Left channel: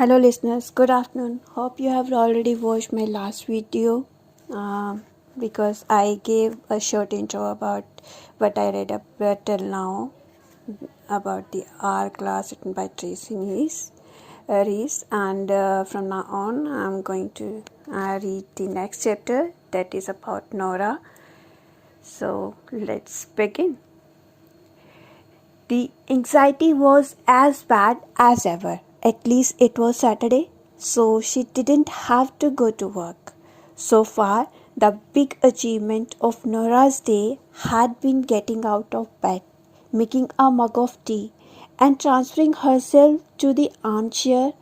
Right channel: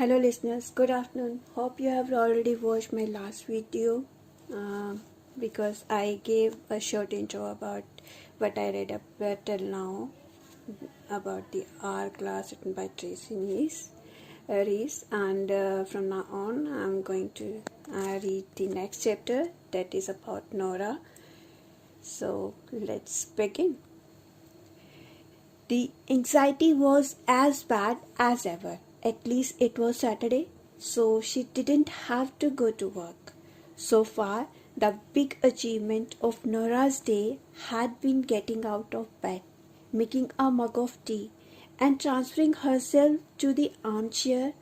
Hello listeners, good afternoon. Hope you have already watched my last video because I gave a short intro about what I read up till now about the Hourglass written by Tracy Rees and from now on I'm going to read the next chapter that is about Nora. So let's begin. The anxiety was as bad as ever. At least it was Saturday, so she didn't have to go to work. So far, the big achievement of Nora's day had been getting out of bed, making a mug of tea, and transferring herself to the armchair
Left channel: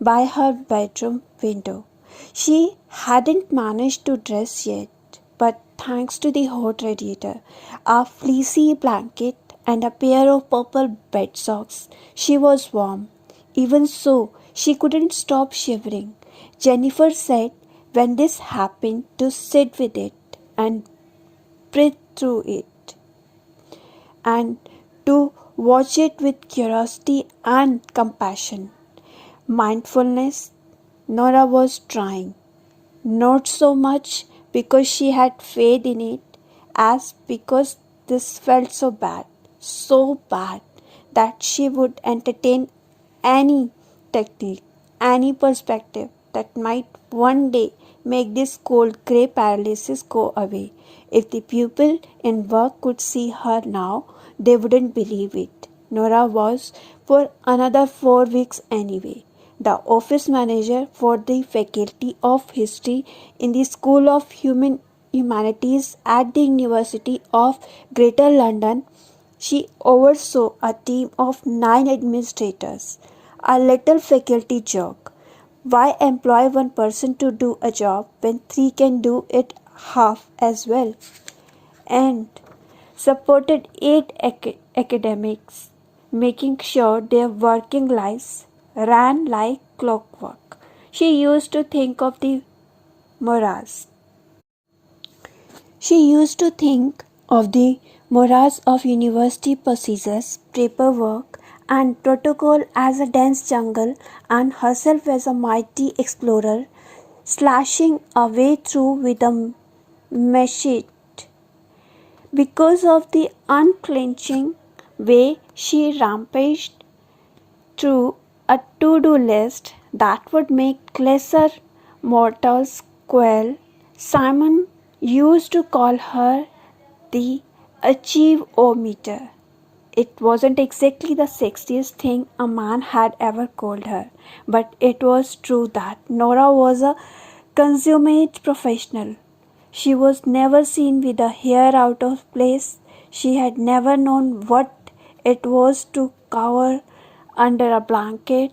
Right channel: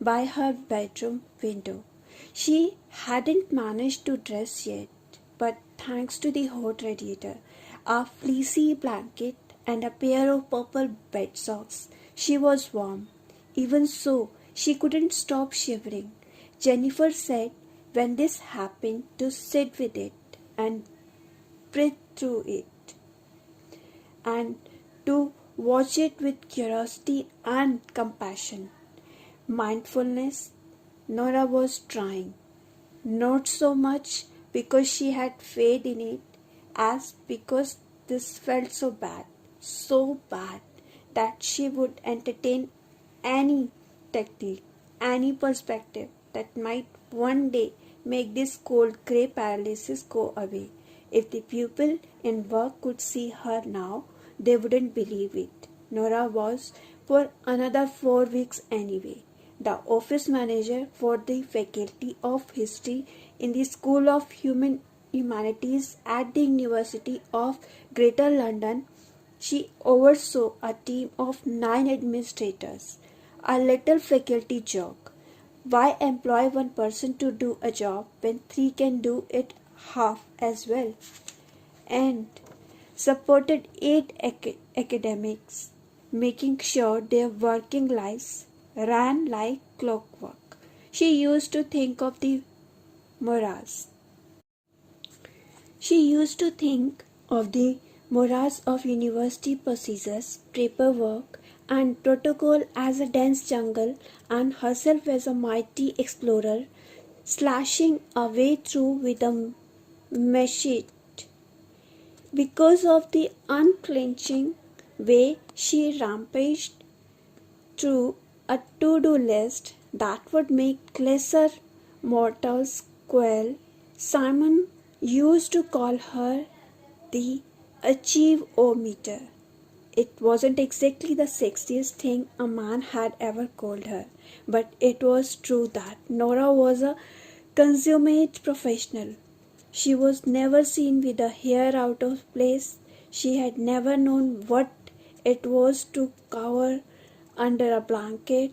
by her bedroom window. She hadn't managed to dress yet, but thanks to the hot radiator, a fleecy blanket, and a pair of purple bed socks, she was warm. Even so, she couldn't stop shivering. Jennifer said when this happened to sit with it and breathe through it, and to watch it with curiosity and compassion. Mindfulness, Nora was trying. Not so much because she had faith in it as because this felt so bad that she would entertain any technique, any perspective that might one day make this cold grey paralysis go away. If the people in work could see her now, they wouldn't believe it. Nora was for another 4 weeks anyway. The office manager for the Faculty of History in the School of Humanities at the University of Greater London. She oversaw a team of 9 administrators. A little faculty joke. Why employ one person to do a job when 3 can do it half as well? And supported 8 academics, making sure their working lives ran like clockwork. She used to think of the morass. She used to think of the morass of university procedures, paperwork, and protocol as a dense jungle, and herself as a mighty explorer, slashing a way through with a machete. Because of the unclenching way she rampaged through a to-do list that would make lesser mortals quail, Simon used to call her the achieve-o-meter. It wasn't exactly the sexiest thing a man had ever called her, but it was true that Nora was a consummate professional. She was never seen with her hair out of place. She had never known what it was to cower under a blanket.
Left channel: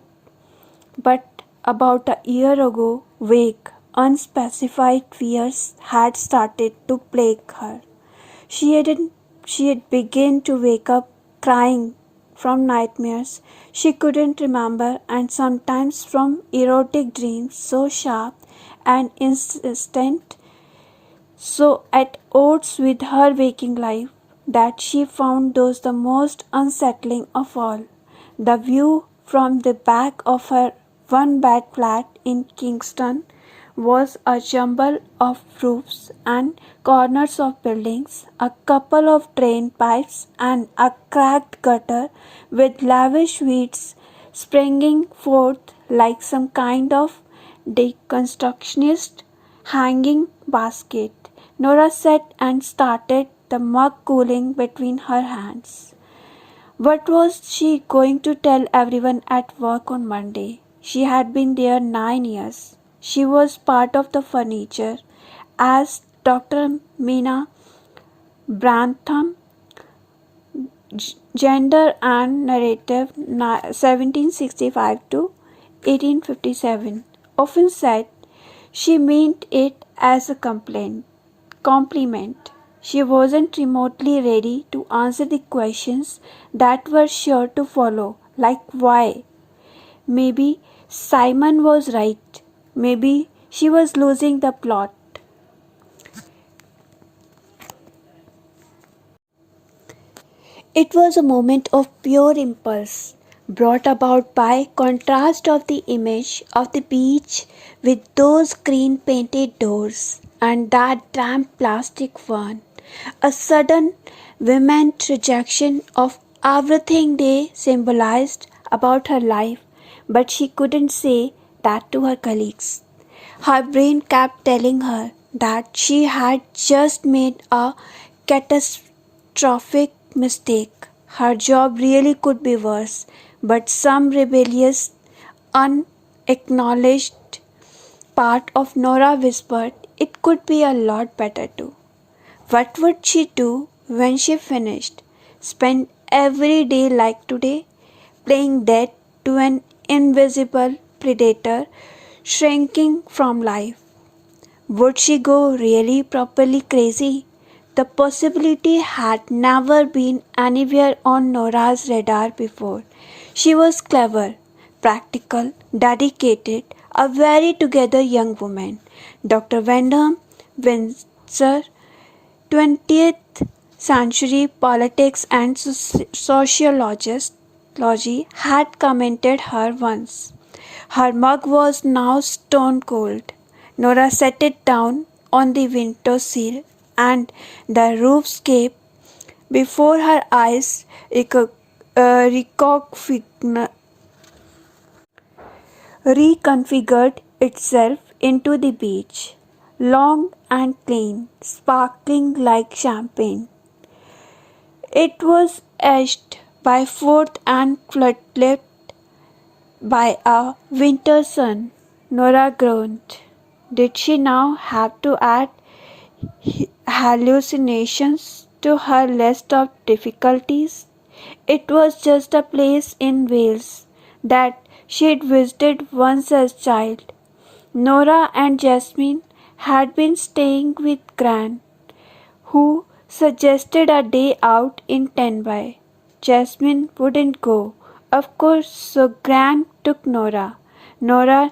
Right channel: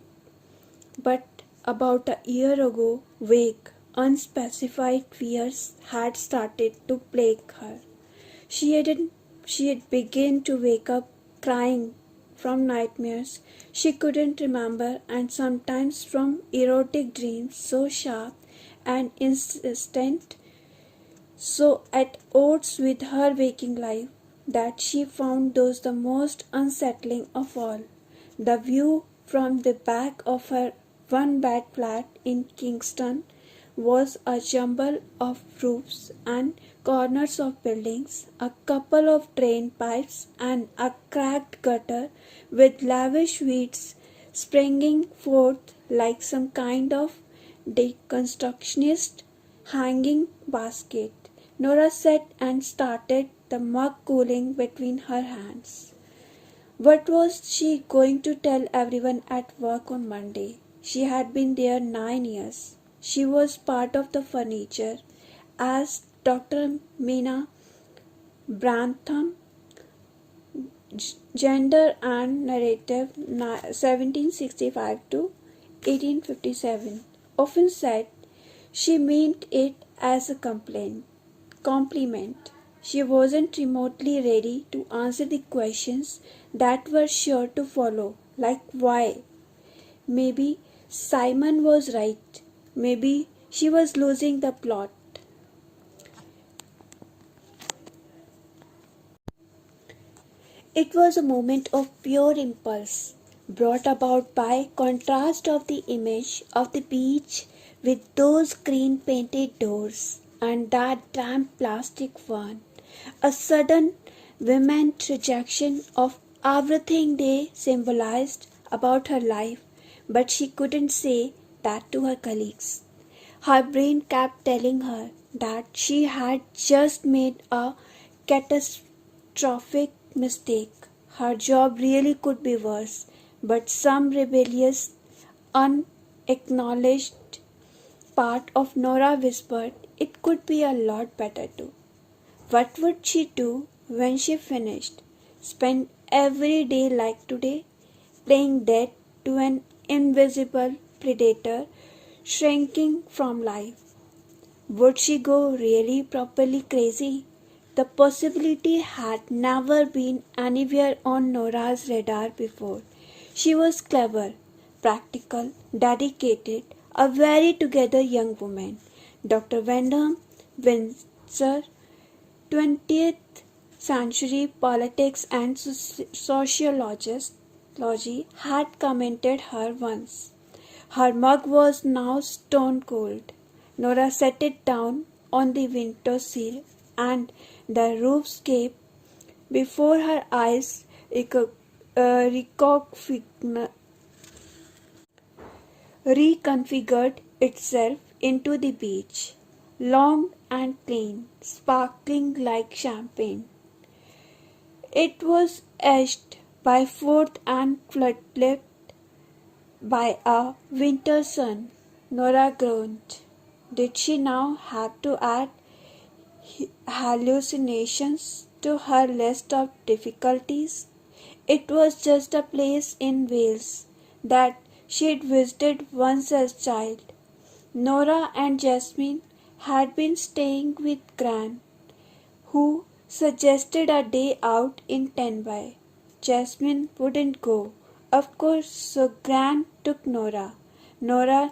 But about a year ago, vague, unspecified fears had started to plague her. She had begun to wake up crying from nightmares she couldn't remember, and sometimes from erotic dreams so sharp and insistent, so at odds with her waking life, that she found those the most unsettling of all. The view from the back of her one-bed flat in Kingston was a jumble of roofs and corners of buildings, a couple of drain pipes, and a cracked gutter with lavish weeds springing forth like some kind of deconstructionist hanging basket. Nora sat and started, the mug cooling between her hands. What was she going to tell everyone at work on Monday? She had been there 9 years. She was part of the furniture, as Dr. Mina Brantham, Gender and Narrative 1765 to 1857, often said. She meant it as a compliment. She wasn't remotely ready to answer the questions that were sure to follow, like why. Maybe Simon was right. Maybe she was losing the plot. It was a moment of pure impulse. brought about by contrast of the image of the beach with those green painted doors and that damp plastic one. A sudden vehement rejection of everything they symbolized about her life, but she couldn't say that to her colleagues. Her brain kept telling her that she had just made a catastrophic mistake. Her job really could be worse, but some rebellious, unacknowledged part of Nora whispered it could be a lot better too. What would she do when she finished? Spend every day like today, playing dead to an invisible predator shrinking from life. Would she go really properly crazy? The possibility had never been anywhere on Nora's radar before. She was clever, practical, dedicated, a very together young woman. Dr. Wyndham Windsor, 20th century politics and sociology, had commented her once. Her mug was now stone cold. Nora set it down on the window sill, and the roofscape before her eyes reconfigured itself into the beach, long and clean, sparkling like champagne. It was edged by fourth and floodlit by a winter sun. Nora groaned. Did she now have to add hallucinations to her list of difficulties? It was just a place in Wales that she'd visited once as a child. Nora and Jasmine had been staying with Gran, who suggested a day out in Tenby. Jasmine wouldn't go, of course, so Gran took Nora. Nora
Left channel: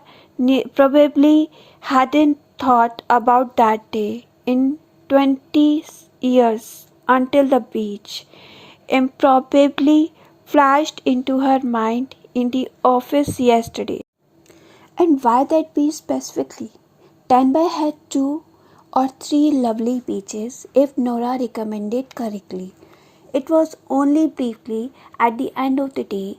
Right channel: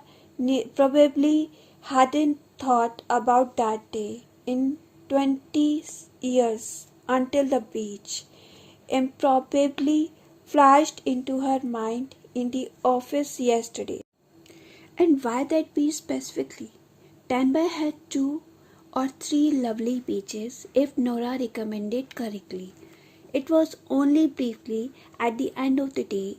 probably hadn't thought about that day in 20 years until the beach improbably flashed into her mind in the office yesterday. And why that beach specifically? Tenby had 2 or 3 lovely beaches if Nora recommended correctly. It was only briefly at the end of the day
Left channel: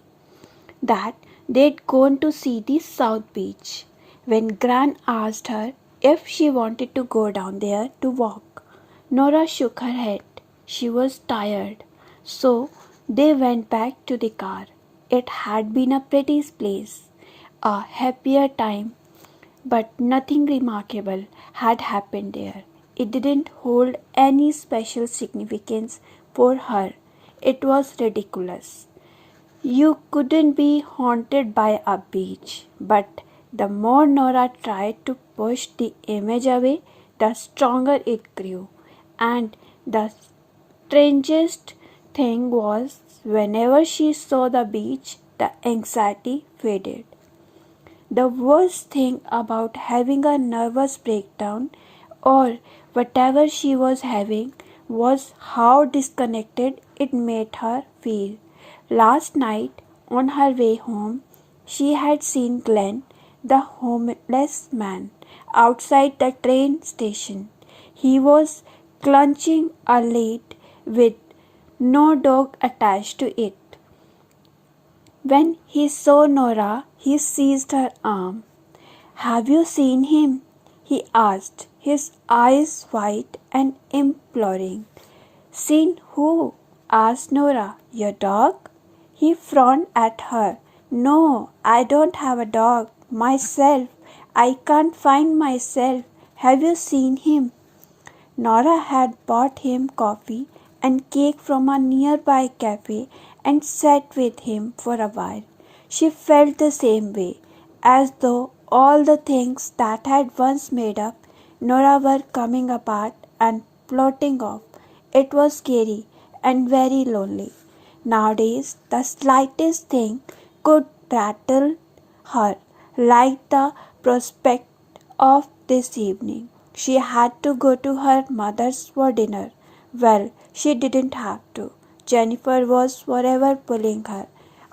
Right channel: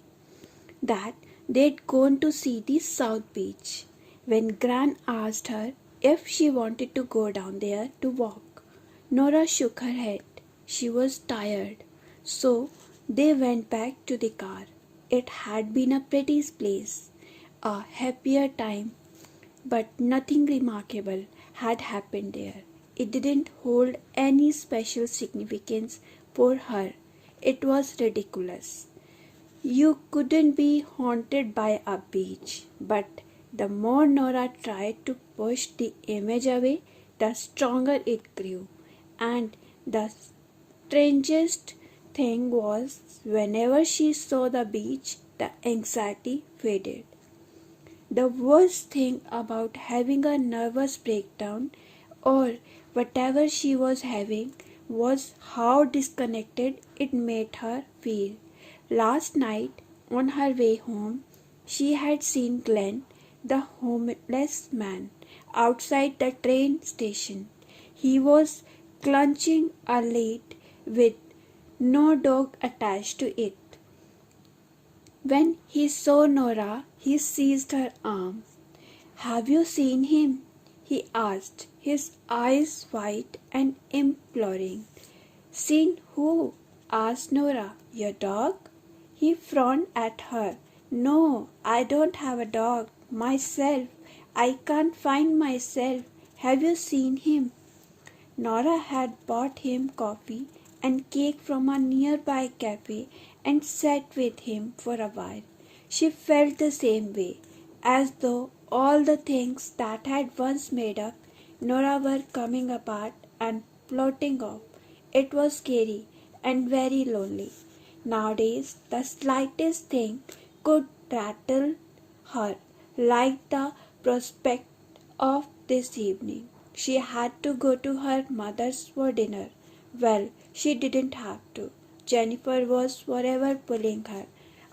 that they'd gone to see the South Beach when Gran asked her if she wanted to go down there to walk. Nora shook her head. She was tired. So they went back to the car. It had been a pretty place, a happier time, but nothing remarkable had happened there. It didn't hold any special significance for her. It was ridiculous. You couldn't be haunted by a beach, but the more Nora tried to push the image away, the stronger it grew. And the strangest thing was, whenever she saw the beach, the anxiety faded. The worst thing about having a nervous breakdown or whatever she was having was how disconnected it made her feel. Last night, on her way home, she had seen Glenn, the homeless man, outside the train station. He was clutching a lead with no dog attached to it. When he saw Nora, he seized her arm. "Have you seen him?" he asked, his eyes wide and imploring. "Seen who?" asked Nora. "Your dog?" He frowned at her. "No, I don't have a dog. Myself. I can't find myself. Have you seen him?" Nora had bought him coffee and cake from a nearby cafe and sat with him for a while. She felt the same way, as though all the things that had once made up Nora were coming apart and floating off. It was scary and very lonely. Nowadays, the slightest thing could rattle her, like the prospect of this evening. She had to go to her mother's for dinner. Well, she didn't have to. Jennifer was forever pulling her.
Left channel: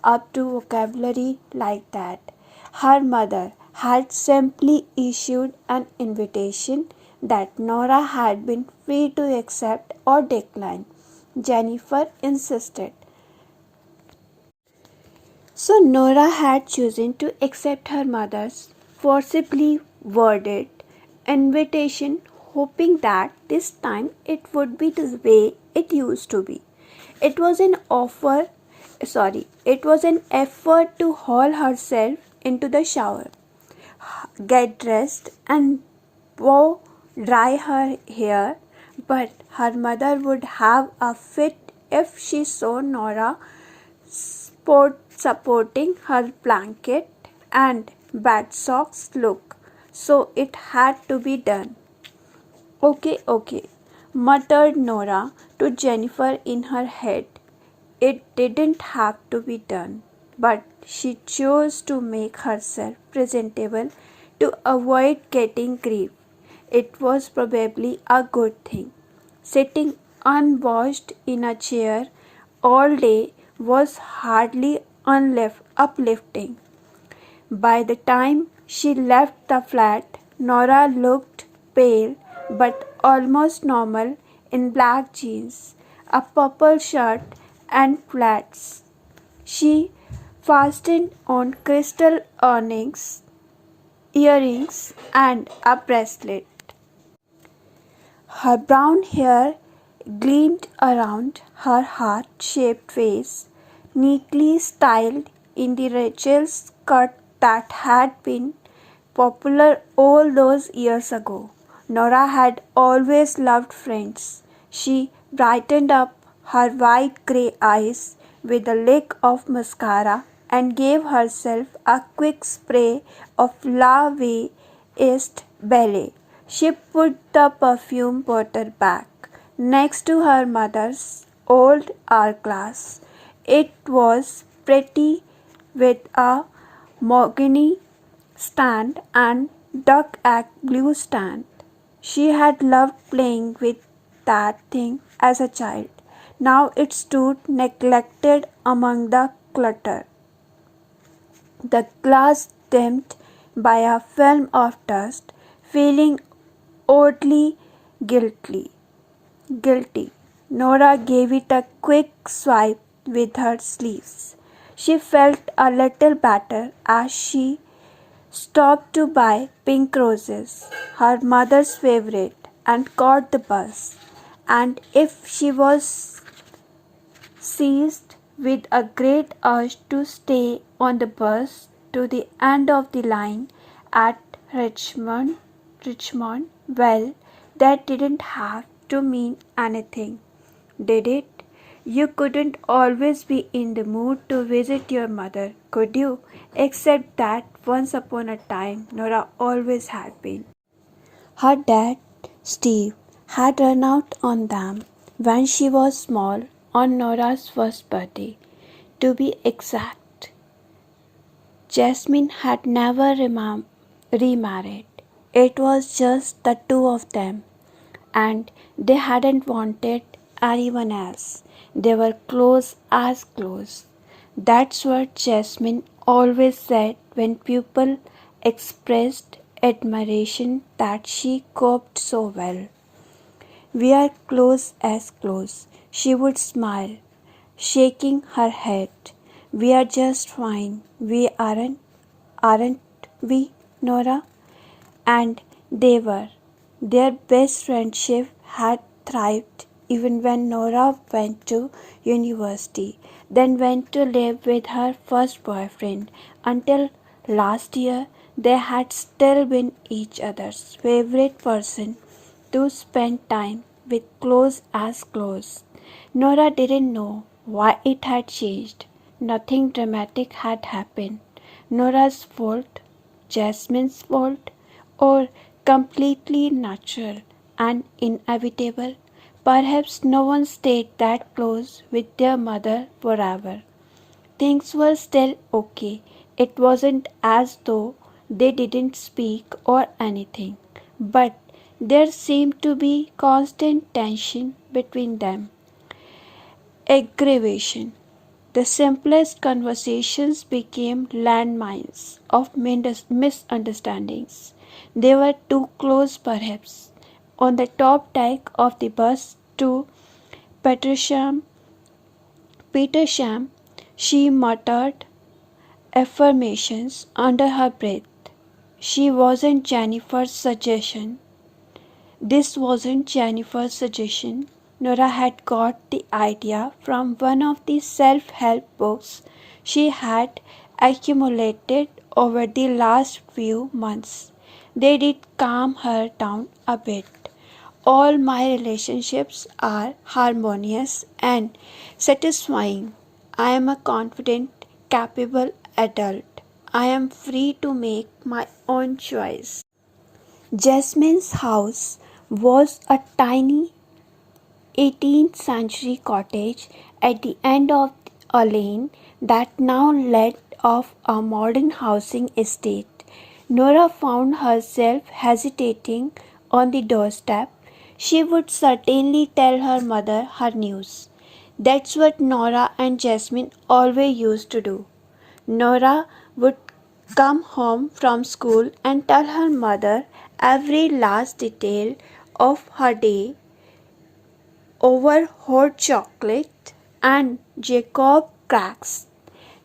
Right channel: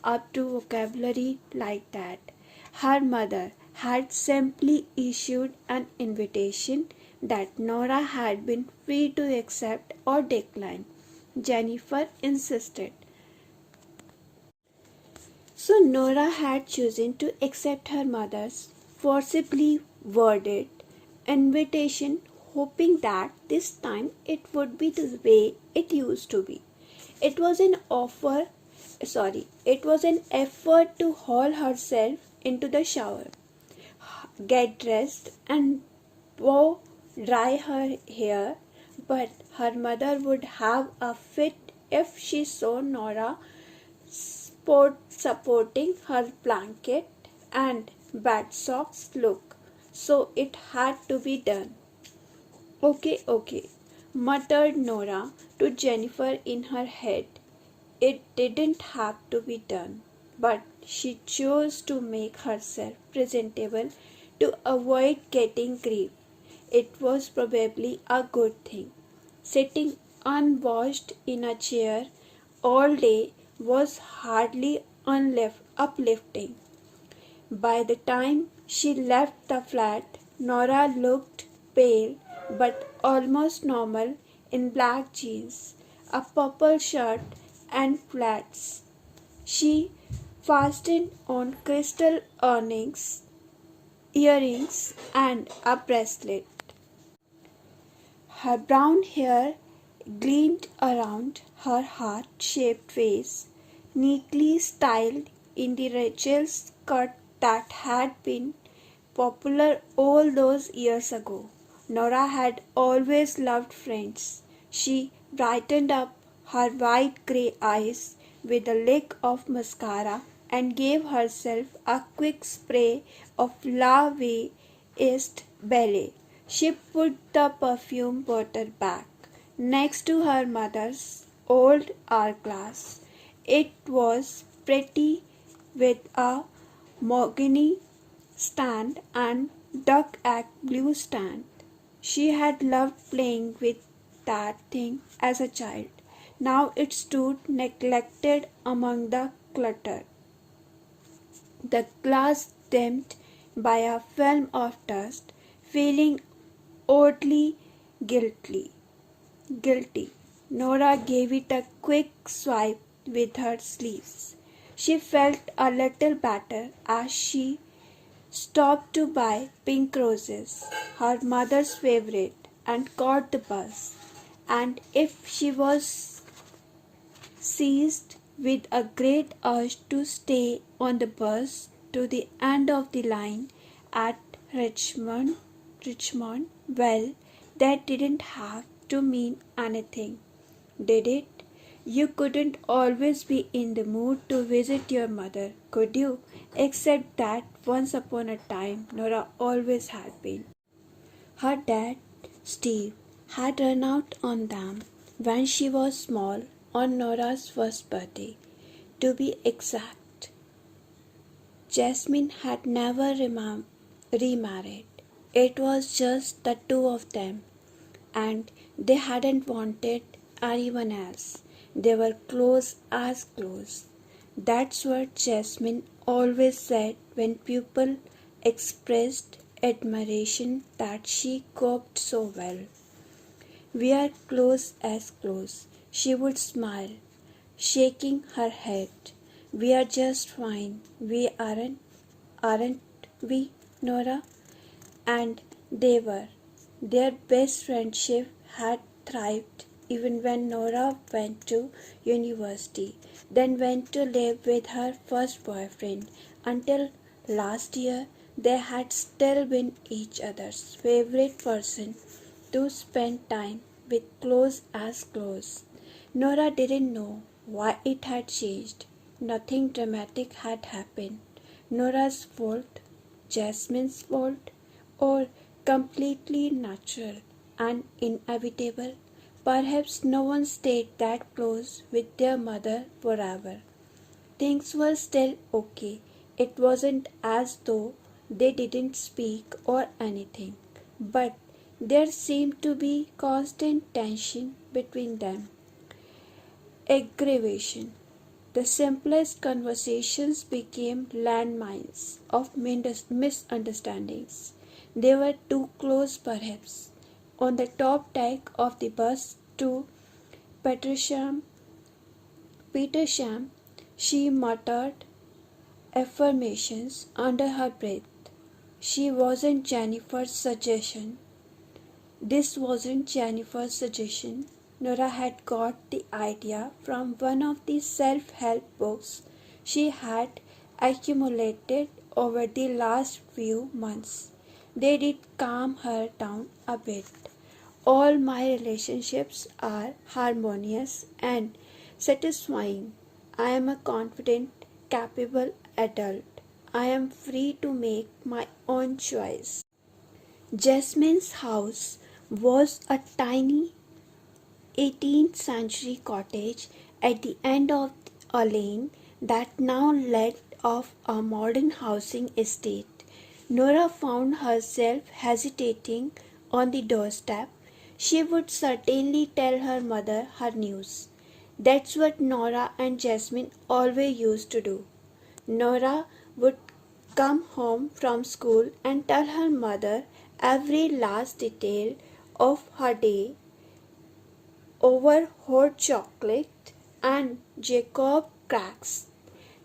up to vocabulary like that. Her mother had simply issued an invitation that Nora had been free to accept or decline. Jennifer insisted. So Nora had chosen to accept her mother's forcibly worded invitation, hoping that this time it would be the way it used to be. It was an effort to haul herself into the shower, get dressed, and blow dry her hair, but her mother would have a fit if she saw Nora supporting her blanket and bad socks look, so it had to be done. Okay, muttered Nora to Jennifer in her head. It didn't have to be done, but she chose to make herself presentable to avoid getting grief. It was probably a good thing. Sitting unwashed in a chair all day was hardly uplifting. By the time she left the flat, Nora looked pale but almost normal in black jeans, a purple shirt, and flats. She fastened on crystal earrings, and a bracelet. Her brown hair gleamed around her heart-shaped face, neatly styled in the Rachel's cut that had been popular all those years ago. Nora had always loved friends. She brightened up her wide grey eyes with a lick of mascara and gave herself a quick spray of La Vie Est Belle. She put the perfume bottle back next to her mother's old hourglass. It was pretty with a mahogany stand and duck egg blue stand. She had loved playing with that thing as a child. Now it stood neglected among the clutter. The glass dimmed by a film of dust, feeling oddly guilty. Nora gave it a quick swipe with her sleeves. She felt a little better as she stopped to buy pink roses, her mother's favorite, and caught the bus. And if she was seized with a great urge to stay on the bus to the end of the line at Richmond, well, that didn't have to mean anything, did it? You couldn't always be in the mood to visit your mother, could you? Except that once upon a time, Nora always had been. Her dad, Steve, had run out on them when she was small on Nora's first birthday. To be exact, Jasmine had never remarried. It was just the two of them, and they hadn't wanted anyone else. They were close as close. That's what Jasmine always said when people expressed admiration that she coped so well. We are close as close. She would smile, shaking her head. We are just fine. We aren't we, Nora? And they were. Their best friendship had thrived even when Nora went to university, then went to live with her first boyfriend. Until last year, they had still been each other's favorite person to spend time with, close as close. Nora didn't know why it had changed. Nothing dramatic had happened. Nora's fault, Jasmine's fault, or completely natural and inevitable. Perhaps no one stayed that close with their mother forever. Things were still okay. It wasn't as though they didn't speak or anything, but there seemed to be constant tension between them. Aggravation. The simplest conversations became landmines of misunderstandings. They were too close, perhaps. On the top deck of the bus to Petersham, Petersham, she muttered affirmations under her breath. She wasn't Jennifer's suggestion. This wasn't Jennifer's suggestion. Nora had got the idea from one of the self-help books she had accumulated over the last few months. They did calm her down a bit. All my relationships are harmonious and satisfying. I am a confident, capable adult. I am free to make my own choice. Jasmine's house was a tiny 18th century cottage at the end of a lane that now led off a modern housing estate. Nora found herself hesitating on the doorstep. She would certainly tell her mother her news. That's what Nora and Jasmine always used to do. Nora would come home from school and tell her mother every last detail of her day over hot chocolate and Jacob cracks.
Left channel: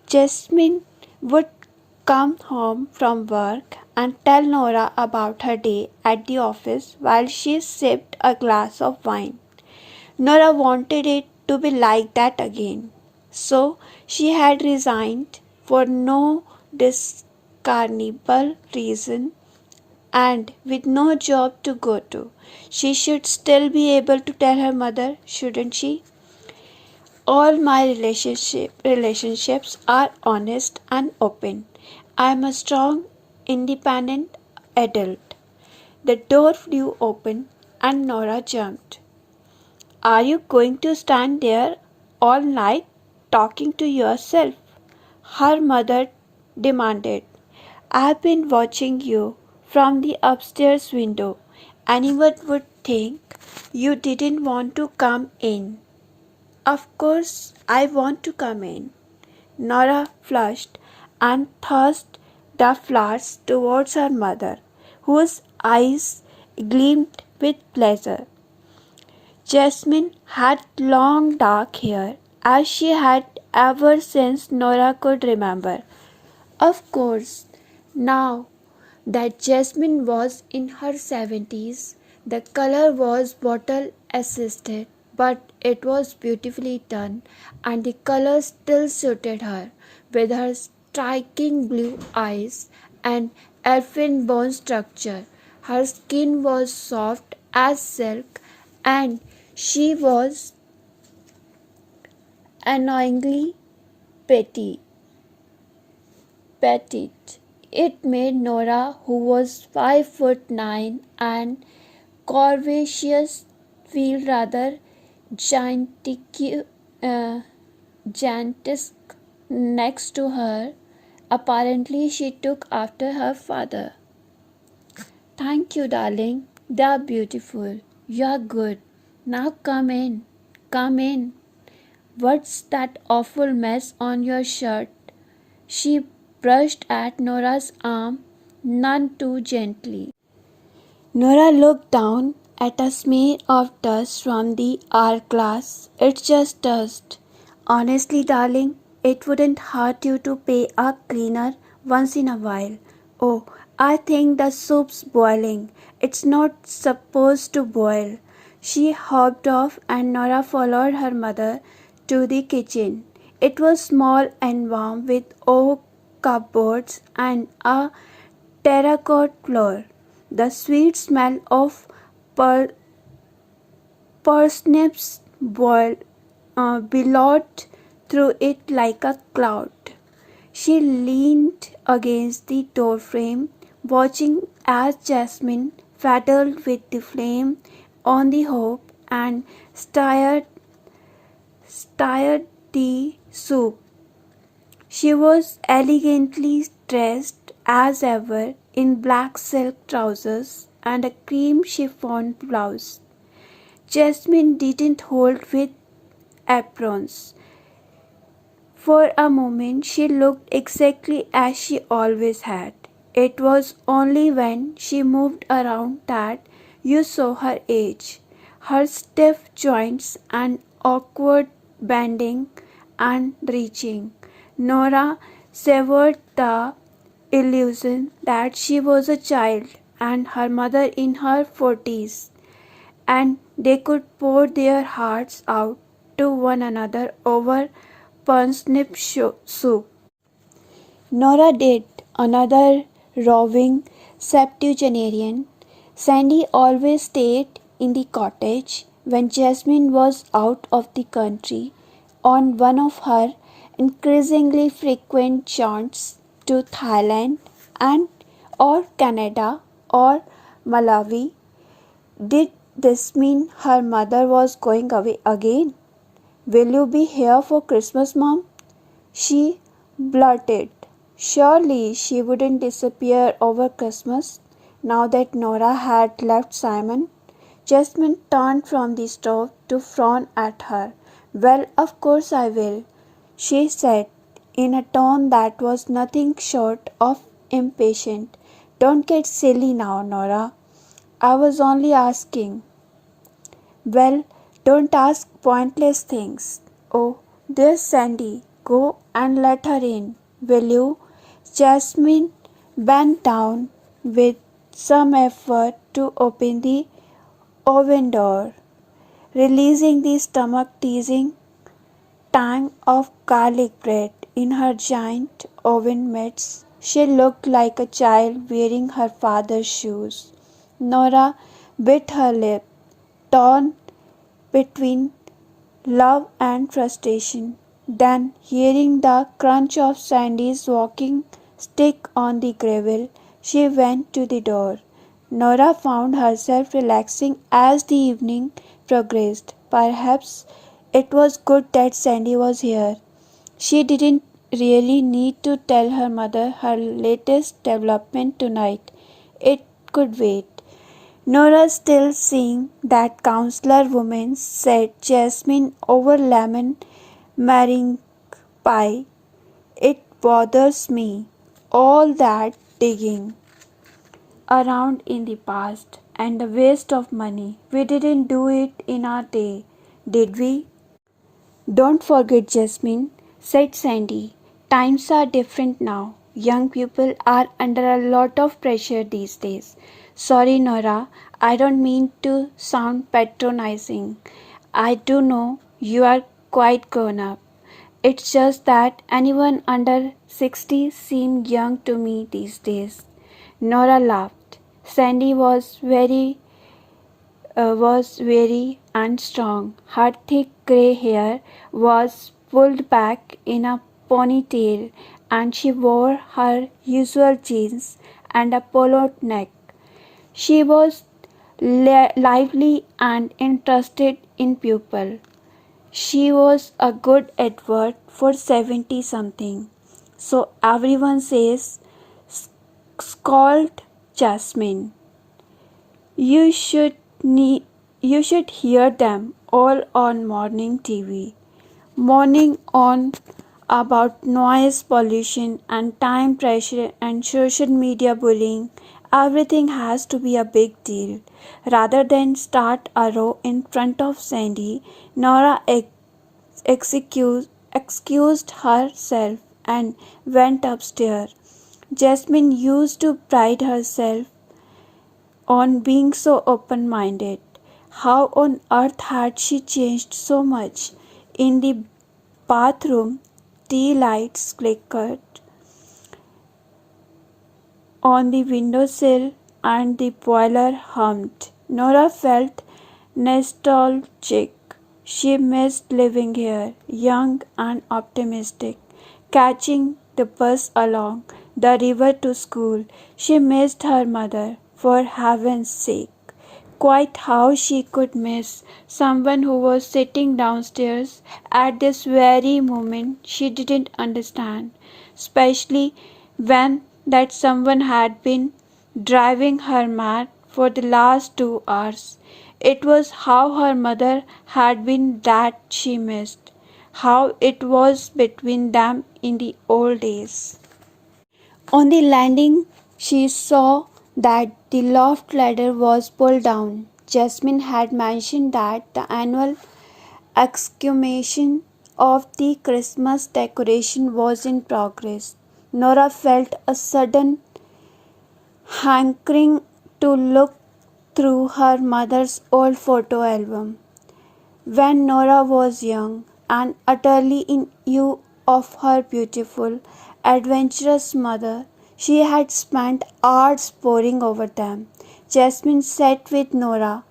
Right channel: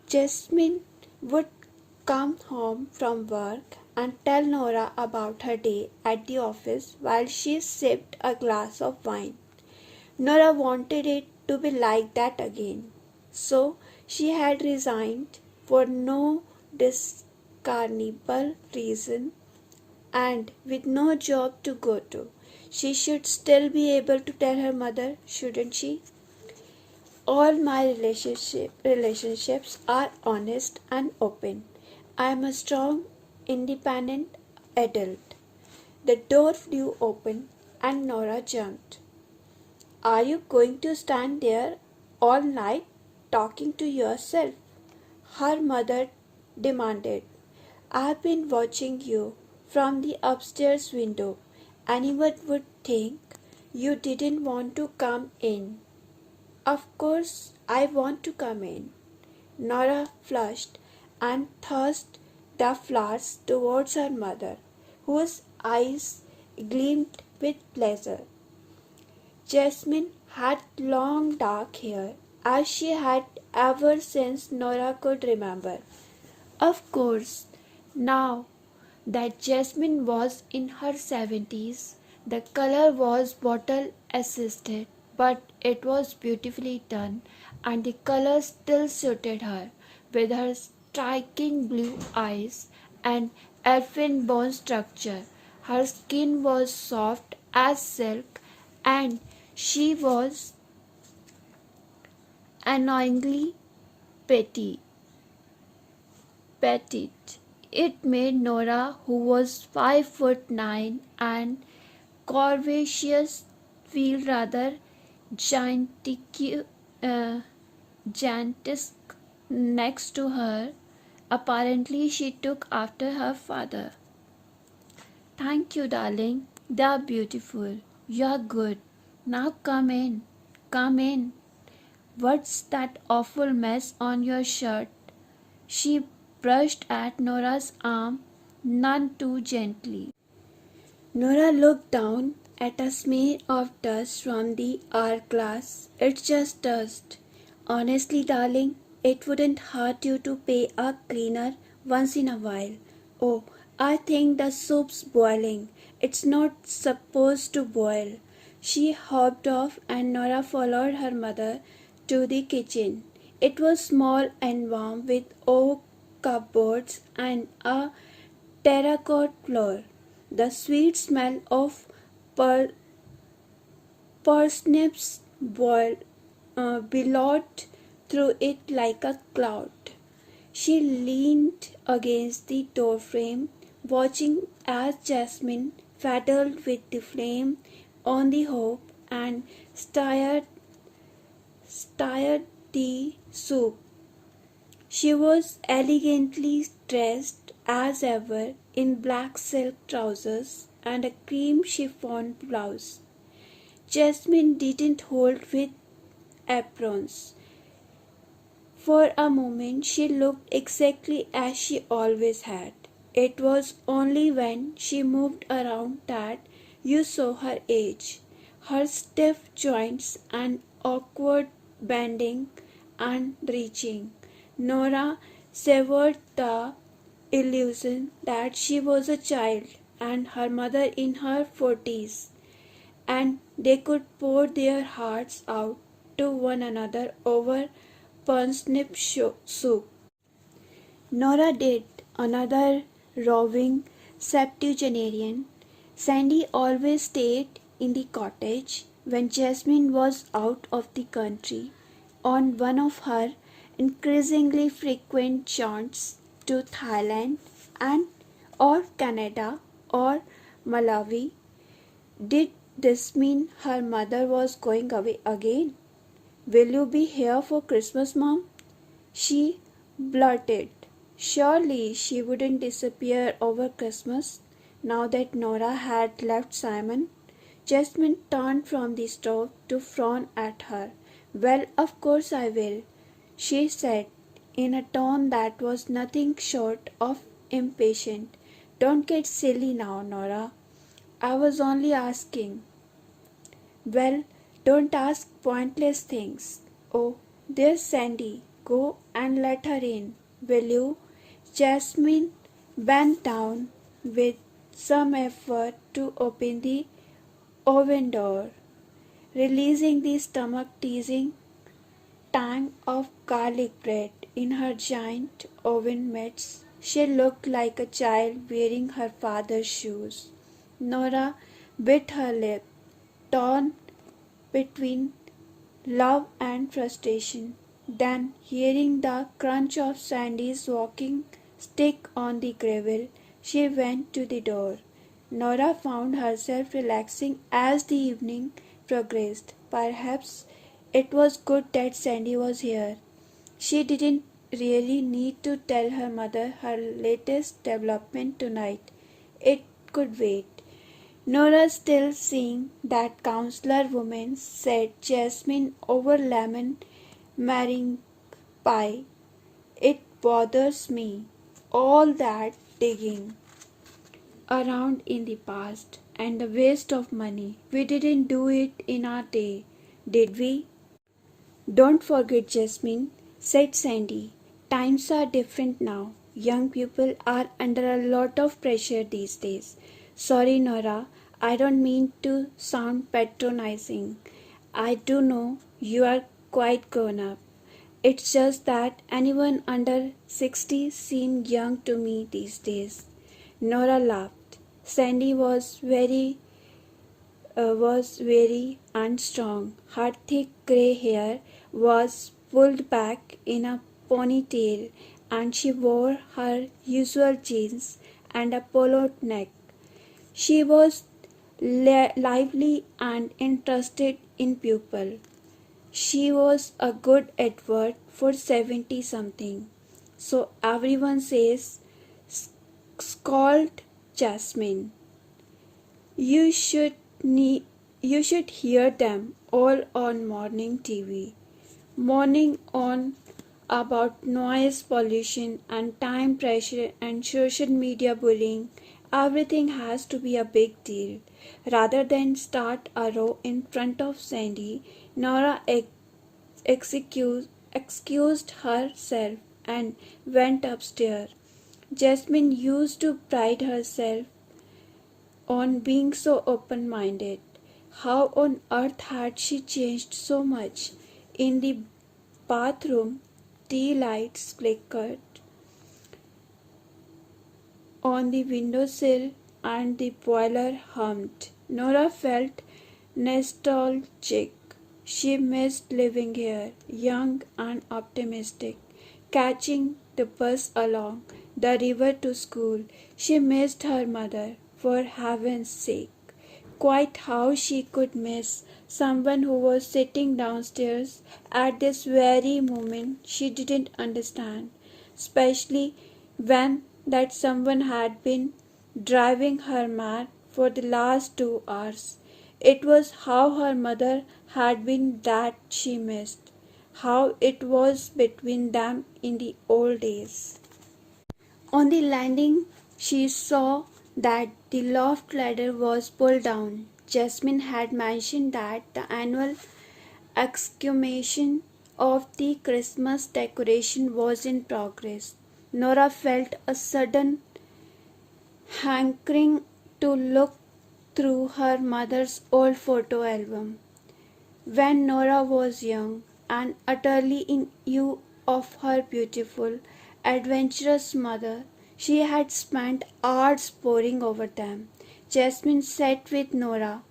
Jasmine would come home from work and tell Nora about her day at the office while she sipped a glass of wine. Nora wanted it to be like that again, so she had resigned for no discernible reason and with no job to go to. She should still be able to tell her mother, shouldn't she? All my relationships are honest and open. I am a strong, independent adult. The door flew open and Nora jumped. Are you going to stand there all night talking to yourself? Her mother demanded. I've been watching you from the upstairs window. Anyone would think you didn't want to come in. Of course, I want to come in. Nora flushed and tossed the flowers towards her mother, whose eyes gleamed with pleasure. Jasmine had long dark hair, as she had ever since Nora could remember. Of course, now that Jasmine was in her 70s, the color was bottle assisted, but it was beautifully done, and the color still suited her, with her striking blue eyes and elfin bone structure. Her skin was soft as silk, and she was annoyingly petite. It made Nora, who was 5'9" and curvaceous, feel rather gigantic next to her. Apparently, she took after her father. Thank you, darling. They are beautiful. You are good. Now come in. Come in. What's that awful mess on your shirt? She brushed at Nora's arm none too gently. Nora looked down at a smear of dust from the hourglass. It's just dust. Honestly, darling, it wouldn't hurt you to pay a cleaner once in a while. Oh, I think the soup's boiling. It's not supposed to boil. She hopped off and Nora followed her mother to the kitchen. It was small and warm with oak cupboards and a terracotta floor. The sweet smell of parsnips billowed through it like a cloud. She leaned against the doorframe, watching as Jasmine fiddled with the flame on the hob and stirred the soup. She was elegantly dressed as ever in black silk trousers and a cream chiffon blouse. Jasmine didn't hold with aprons. For a moment she looked exactly as she always had. It was only when she moved around that you saw her age, her stiff joints and awkward bending and reaching. Nora severed the illusion that she was a child and her mother in her 40s, and they could pour their hearts out to one another over parsnip soup. Nora did, another roving septuagenarian. Sandy always stayed in the cottage when Jasmine was out of the country on one of her increasingly frequent jaunts to Thailand and or Canada or Malawi. Did this mean her mother was going away again? "Will you be here for Christmas, Mom?" she blurted. Surely she wouldn't disappear over Christmas now that Nora had left Simon. Jasmine turned from the stove to frown at her. "Well, of course I will," she said in a tone that was nothing short of impatient. "Don't get silly now, Nora. I was only asking." "Well, don't ask pointless things. Oh, there's Sandy. Go and let her in, will you?" Jasmine bent down with some effort to open the oven door, releasing the stomach-teasing tang of garlic bread in her giant oven mitts. She looked like a child wearing her father's shoes. Nora bit her lip, torn between love and frustration. Then, hearing the crunch of Sandy's walking stick on the gravel, she went to the door. Nora found herself relaxing as the evening progressed. Perhaps it was good that Sandy was here. She didn't really need to tell her mother her latest development tonight. It could wait. "Nora still seeing that counselor woman," said Jasmine over lemon meringue pie. "It bothers me. All that digging around in the past and the waste of money. We didn't do it in our day, did we?" "Don't forget, Jasmine," said Sandy. "Times are different now. Young people are under a lot of pressure these days." "Sorry, Nora. I don't mean to sound patronizing. I do know you are quite grown up. It's just that anyone under 60 seems young to me these days." Nora laughed. Sandy was very and strong. Her thick grey hair was pulled back in a ponytail, and she wore her usual jeans and a polo neck. She was lively and interested in people. She was a good advert for 70-something. "So everyone says," scolded Jasmine. You should hear them all on morning TV, moaning on about noise pollution and time pressure and social media bullying. Everything has to be a big deal. Rather than start a row in front of Sandy, Nora excused herself and went upstairs. Jasmine used to pride herself on being so open-minded. How on earth had she changed so much? In the bathroom, tea lights flickered on the windowsill and the boiler hummed. Nora felt nostalgic. She missed living here, young and optimistic, catching the bus along the river to school. She missed her mother, for heaven's sake. Quite how she could miss someone who was sitting downstairs at this very moment she didn't understand, especially when that someone had been driving her mad for the last 2 hours. It was how her mother had been that she missed. how it was between them in the old days. On the landing, she saw that the loft ladder was pulled down. Jasmine had mentioned that the annual exhumation of the Christmas decoration was in progress. Nora felt a sudden hankering to look through her mother's old photo album. When Nora was young and utterly in awe of her beautiful, adventurous mother, she had spent hours poring over them. Jasmine sat with Nora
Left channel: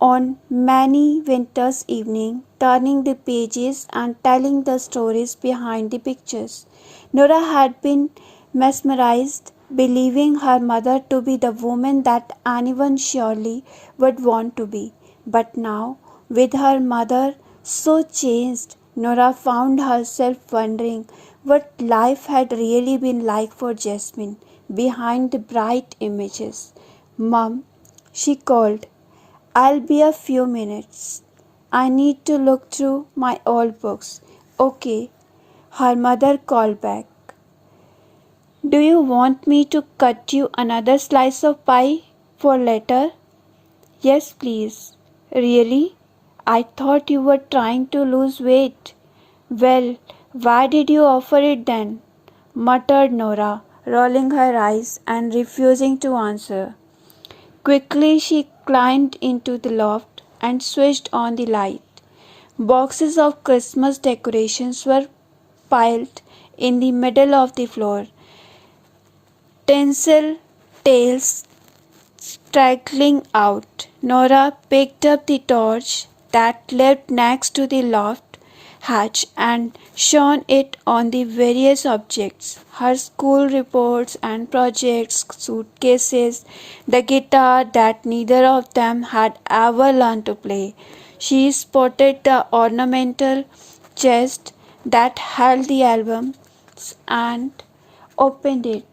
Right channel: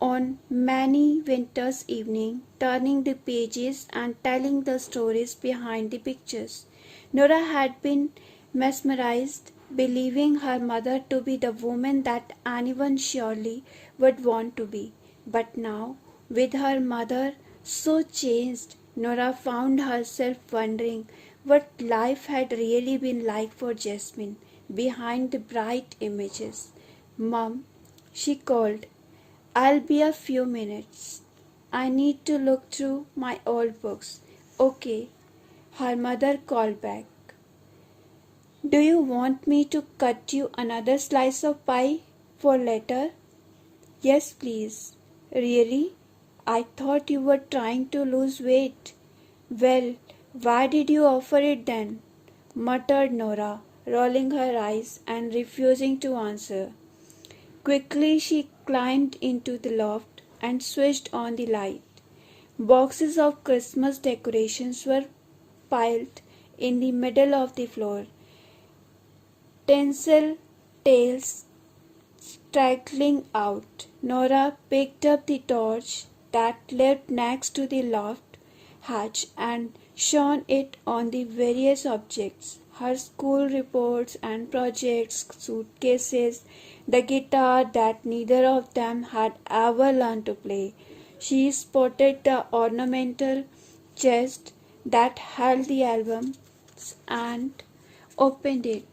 on many winter's evenings, turning the pages and telling the stories behind the pictures. Nora had been mesmerized, believing her mother to be the woman that anyone surely would want to be. But now, with her mother so changed, Nora found herself wondering what life had really been like for Jasmine behind the bright images. "Mum," she called, "I'll be a few minutes. I need to look through my old books." "Okay," her mother called back. "Do you want me to cut you another slice of pie for later?" "Yes, please." "Really? I thought you were trying to lose weight." "Well, why did you offer it then?" muttered Nora, rolling her eyes and refusing to answer. Quickly she climbed into the loft and switched on the light. Boxes of Christmas decorations were piled in the middle of the floor, tinsel tails straggling out. Nora picked up the torch that lived next to the loft hatch and shone it on the various objects, her school reports and projects, suitcases, the guitar that neither of them had ever learned to play. She spotted the ornamental chest that held the albums and opened it.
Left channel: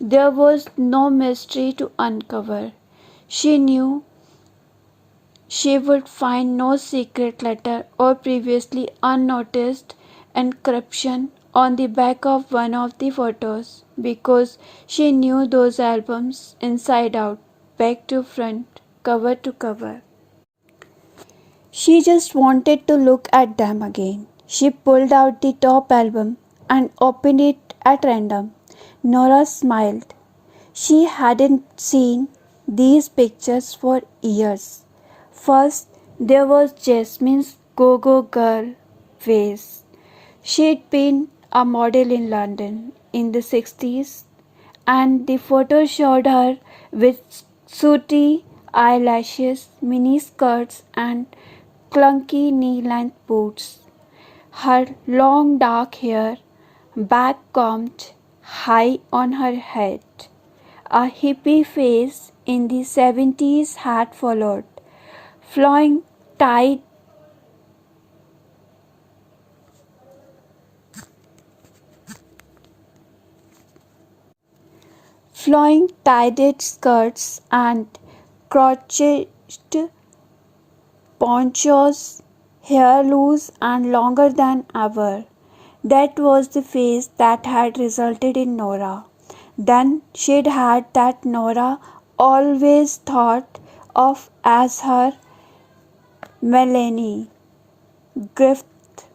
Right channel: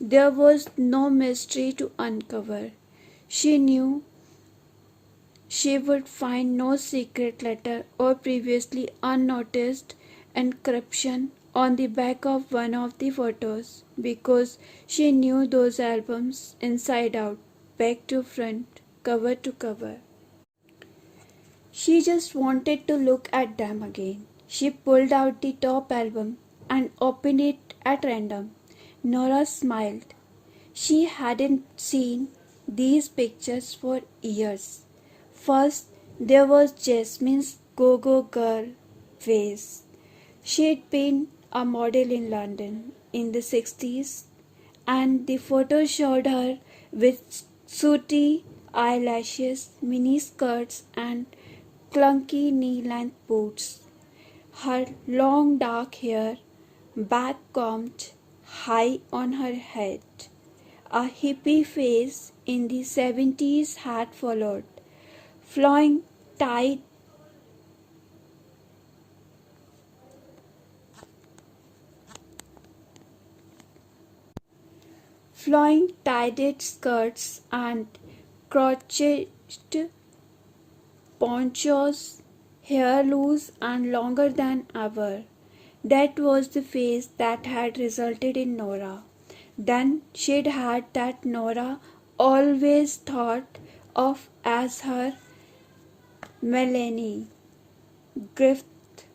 There was no mystery to uncover. She knew she would find no secret letter or previously unnoticed inscription on the back of one of the photos, because she knew those albums inside out, back to front, cover to cover. She just wanted to look at them again. She pulled out the top album and opened it at random. Nora smiled. She hadn't seen these pictures for years. First, there was Jasmine's go-go girl phase. She'd been a model in London in the 60s, and the photo showed her with sooty eyelashes, mini skirts, and clunky knee-length boots. Her long dark hair back combed high on her head. A hippie phase in the 70s had followed. Flowing tight flowing tied skirts and crotched ponchos, hair loose and longer than ever. That was the phase that had resulted in Nora. Then she'd had that Nora always thought of as her Melanie Griffith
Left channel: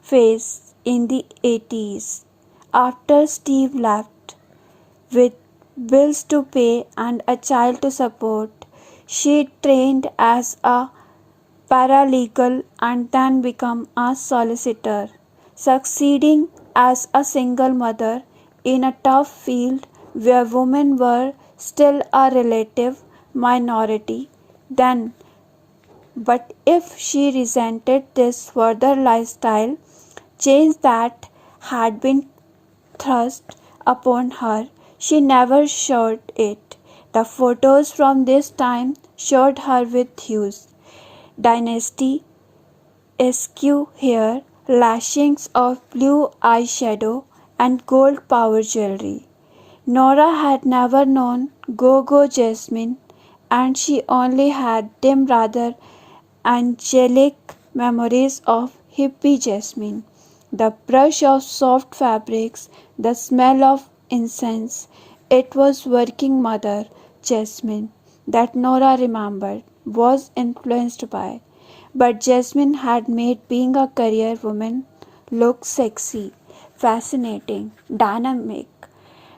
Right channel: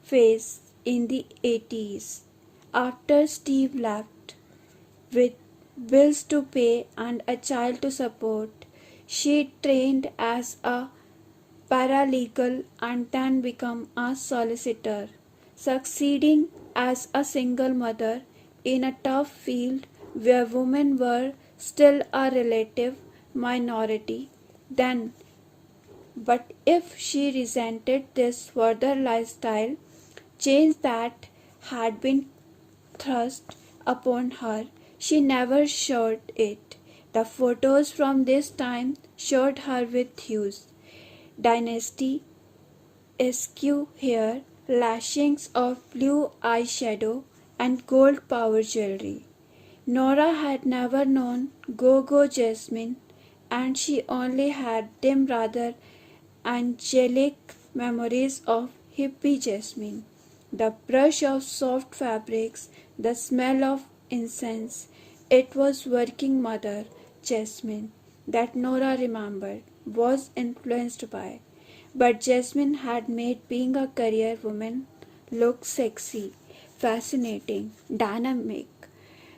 phase in the 80s. After Steve left, with bills to pay and a child to support, she trained as a paralegal and then became a solicitor, succeeding as a single mother in a tough field where women were still a relative minority then. But if she resented this further lifestyle change that had been thrust upon her, she never showed it. The photos from this time showed her with hues, dynasty, askew hair, lashings of blue eyeshadow, and gold power jewelry. Nora had never known Go-Go Jasmine, and she only had dim, rather angelic memories of hippie jasmine, the brush of soft fabrics, the smell of incense. It was working mother Jasmine that Nora remembered was influenced by. But Jasmine had made being a career woman look sexy, fascinating, dynamic.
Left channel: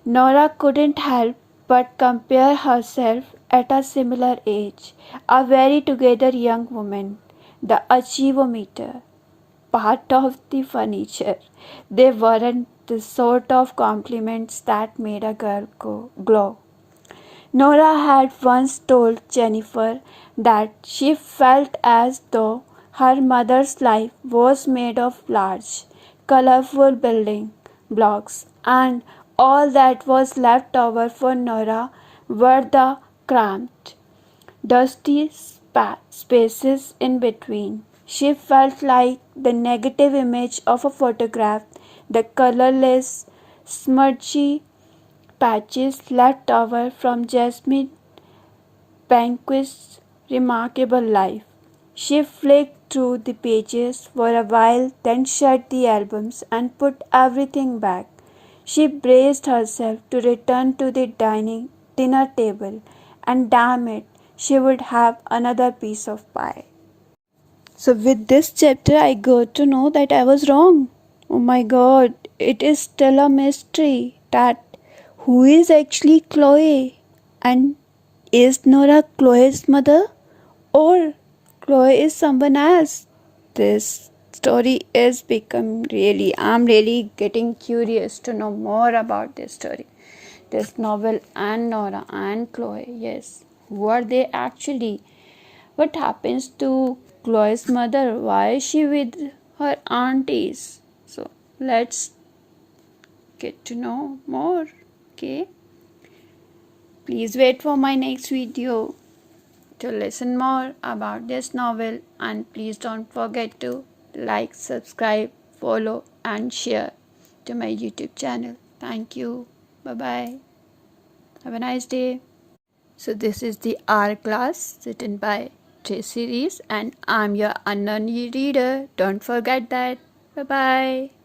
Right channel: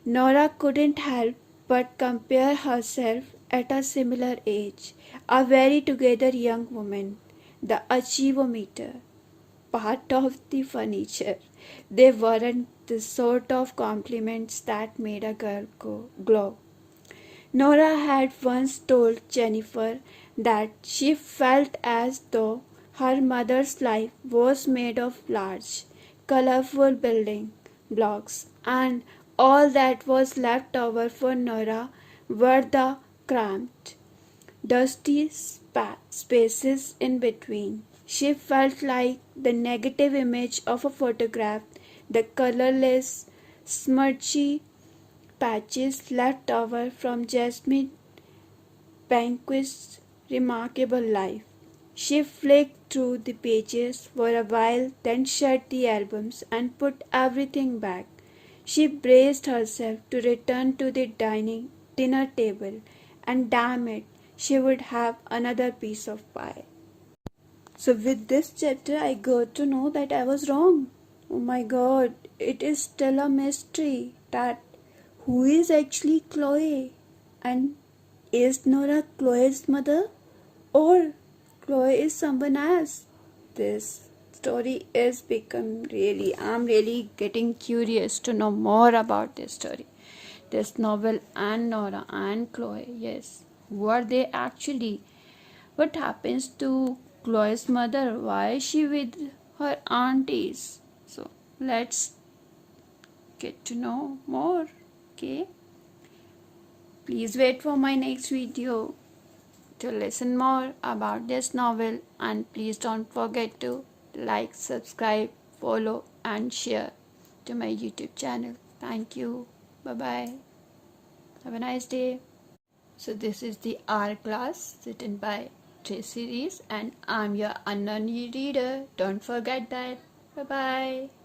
Nora couldn't help but compare herself at a similar age, a very together young woman, the achievometer, part of the furniture. They weren't the sort of compliments that made a girl glow. Nora had once told Jennifer that she felt as though her mother's life was made of large, colorful building blocks, and all that was left over for Nora were the cramped, dusty spaces in between. She felt like the negative image of a photograph, the colorless, smudgy patches left over from Jasmine Banquist's remarkable life. She flicked through the pages for a while, then shut the albums and put everything back. She braced herself to return to the dinner table, and damn it, she would have another piece of pie. So, with this chapter, I got to know that I was wrong. Oh my god, it is still a mystery that who is actually Chloe, and is Nora Chloe's mother, or Chloe is someone else? This story is become really, I'm really getting curious to know more about this story. This novel and Nora and Chloe, yes. Who are they actually? What happens to Chloe's mother? Why is she with her aunties? So let's get to know more. Okay. Please wait for my next video to listen more about this novel, and please don't forget to like, subscribe, follow and share to my YouTube channel. Thank you. Bye bye. Have a nice day. So this is the Hourglass written by Tracy Rees, and I'm your unknown reader. Don't forget that. Bye bye.